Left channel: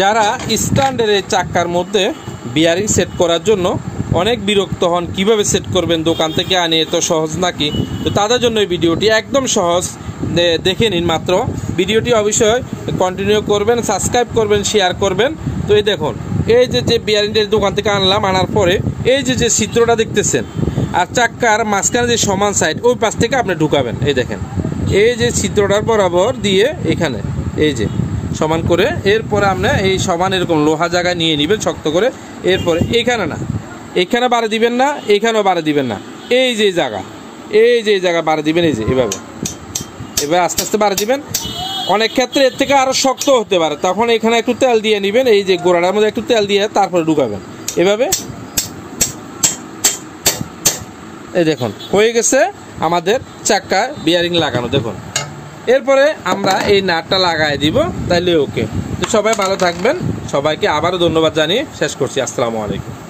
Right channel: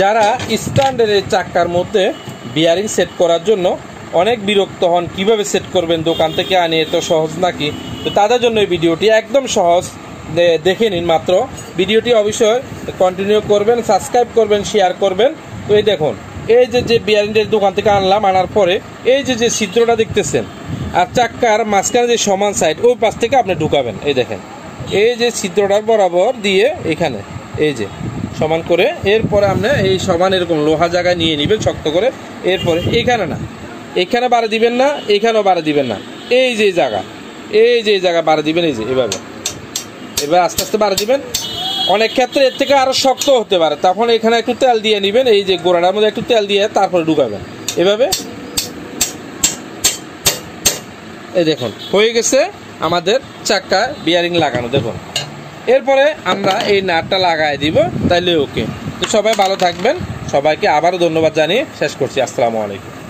যারা স্ট্যান্ডের চাক্কার মধ্যে বিয়ারিং সেট করার জন্য অনেক বিরক্ত হন, কিভাবে সেট করবেন, দোকান থেকে আনিয়ে তো সহজ নাকি, তো তাদের জন্য এই ভিডিওটি একদম সহজ, দেখে নিন মাত্র। ভিডিওটি অবশ্যই কন্টিনিউ করবেন, সাবস্ক্রাইব করবেন, শেয়ার করবেন। তো এই দেখুন, এই যে বিয়ারিংয়ের দোকান থেকে আনলাম, আনার পরে এই যে চিত্রটা দেখতেছেন, আর চাক্কার মাঝখানে যে সমান সাইড ওই পাশ থেকে আপনি ঢুকাবেন। এই দেখেন, এই যে চিত্রটার বরাবর দিয়ে এখানে এই যে সমান করে, এরপরে আপনি এই সমান এরকম লোহা জায়গায় নিয়ে নেবেন শক্ত করে। এরপরে এখানে না, এখানে বাড়ি দিবেন না, এখানেও বাড়ি দিবেন না, এই যে জায়গা বাড়ি দিবেন, এই যে এভাবে এবার আস্তে আস্তে বাড়ি দিবেন। অনেক ক্ষেত্রে এর থেকে আরো শক্ত হতে পারে, তখন এখানে একটু তেল দিয়ে নেবেন, এই যে গোড়াটার মধ্যে একটু তেল দিয়ে তারপরে ঢুকাবেন এভাবে। এই দেখুন হয়ে গেছে আমাদের চাক্কায় বিয়ারিং লাগানো। দেখুন, এরপরে আমরা এই নাটটা লাগাই দিব, তাইলে ওকে। তো সবাই ভালো থাকবেন, সবাইকে আবারও ধন্যবাদ জানিয়ে শেষ করছি। আসসালামু আলাইকুম।